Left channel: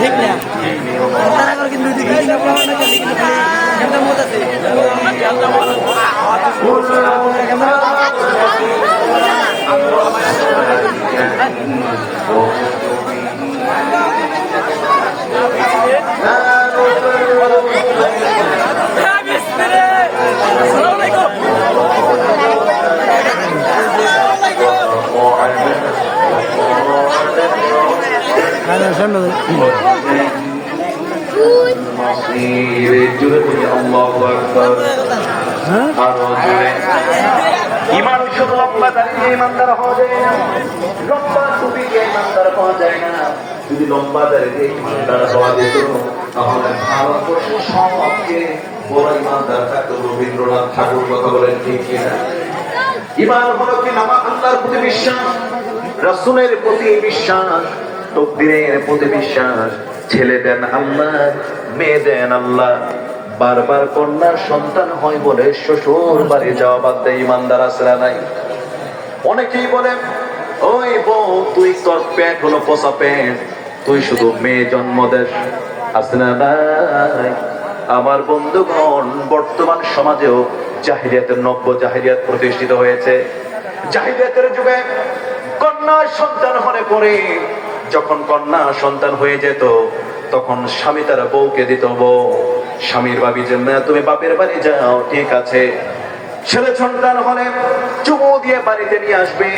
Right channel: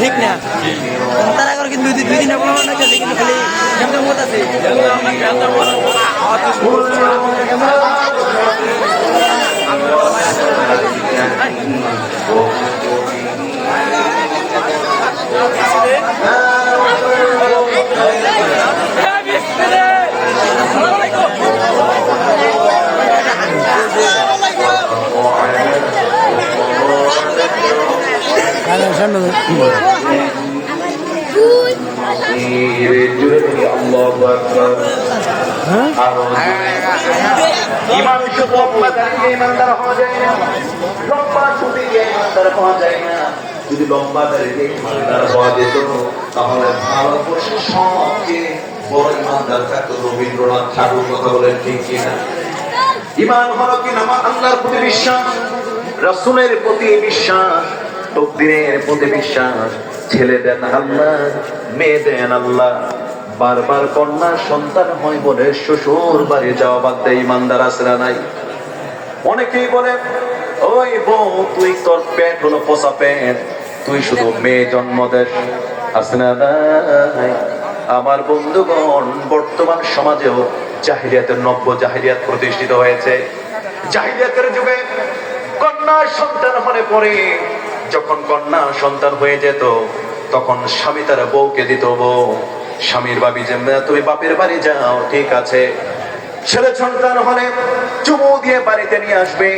ঠিক না তারা করে কিন্তু দুই দিন মোটামুটি আছে ইমান শুধু লম্বা দাঁড়িয়ে ইমানদার হওয়া যায় না, লম্বা টুপি দিয়ে ইমানদার হওয়া যায় না। যদি লম্বা দাঁড়িয়ে ইমানদার হওয়া যেত তাহলে ভারতবর্ষের সবচেয়ে বড় ইমানদার থাকতো রবীন্দ্রনাথ ঠাকুর। কথা বলেন ঠিক কিনা? ইমান হলো কি না? আল্লাহর প্রতি বিশ্বাস, রাসূলের প্রতি বিশ্বাস, তকদীরের প্রতি বিশ্বাস। ছেলে দেন আল্লাহ, মেয়ে দেন আল্লাহ। বারবার কন্যা সন্তান হয় বলে শ্বশুর বাড়ি যাওয়া বাদ দেয় ইমানদার আছে না নাই? অনেকেই বলে ওই বউ তুই তোর পেট হলো পচা পেট, তুই শুধু মেয়ে জন্ম দেশ। আছে না নাই? আমার বন্ধুগণ, বর্তমান সমাজেও জাহিলিয়াতের নব্য জাহিলিয়াত প্রতিষ্ঠিত হয়েছে। জাহিলিয়াতের যুগে কন্যা সন্তান হলে পরে, যখন কন্যা সন্তান হয়ে যেত তখন স্বামী তারা বউকে দিত। বউ স্বামীর ভাবি যে তুমি বাপের বাড়ি যাও, ঠিক আছে। ছেলে সন্তান হলে চুমু দিয়ে বাড়িতে নিয়ে আসবে,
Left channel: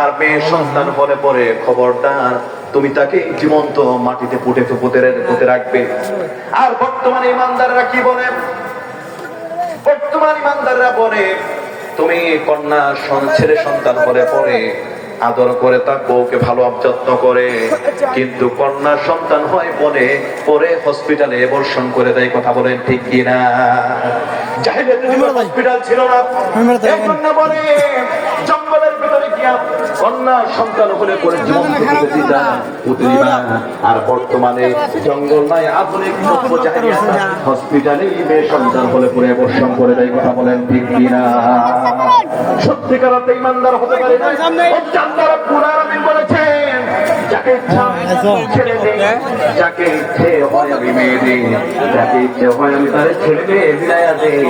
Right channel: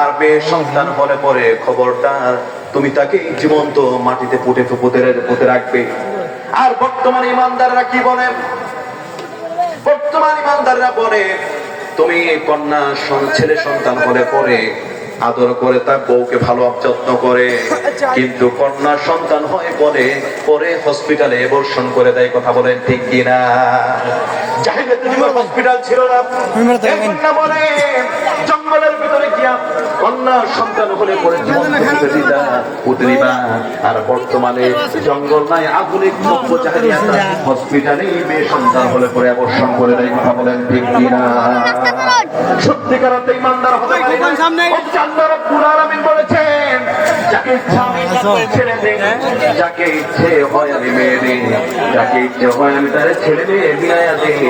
আর মেয়ে সন্তান হলে পরে খবরদার তুমি তাকে জীবন্ত মাটিতে পুঁতে রাখবে। আর বর্তমান ইমানদাররা কি বলে? বর্তমান ইমানদাররা বলে তুমি কন্যা ছেলে সন্তান হলে পরে আদর করে তার বউকে ভালো যত্ন করে, কিন্তু কন্যা সন্তান হয় বলে পরে হসপিটালে এবর্ষণ করে দেয়। কথা বলেন ঠিক কিনা? হসপিটাল ছিল না, কন্যা বলে জঙ্গলের ভিতরে গিয়া কন্যা সন্তান হলে পরে জীবন পুঁতে দিবা। আর বর্তমানে জঙ্গল নাই, আধুনিক নব্য জাহিলিয়াত, হসপিটালে মেয়ে সন্তান হলে পরে এবর্ষণ করে দেয়। কথা বলেন ঠিক কিনা? সত্যিকার অর্থে ইমানদার হতে পারে না। আল্লাহ রাব্বুল আলামিন বলেছেন, যাকে ইচ্ছা ছেড়ে দেই, যাকে ইচ্ছে হয় আমি মেয়ে দেই, যাকে ইচ্ছে হয় আমি তারে ছেড়ে মেয়ে মিলাইয়া দেই,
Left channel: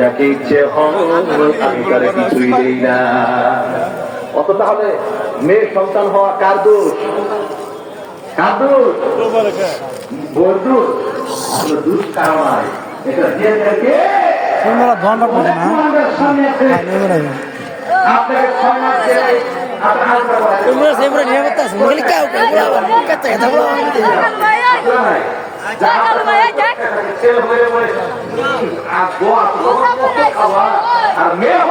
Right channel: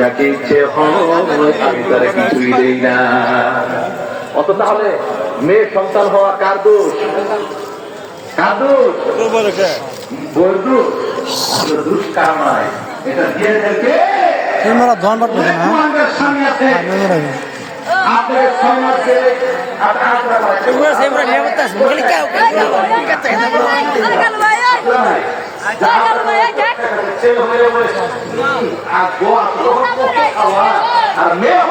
যাকে ইচ্ছে হয় আমি তারে কিছুই দেই না। অত তাহলে মেয়ে সন্তান হওয়া কার দোষ? কার দোষ? বউর দোষ? দোষ কার নয়, এটা দিয়ে থাকে আপনাকে ছয় মাস দিয়ে আর মেয়ে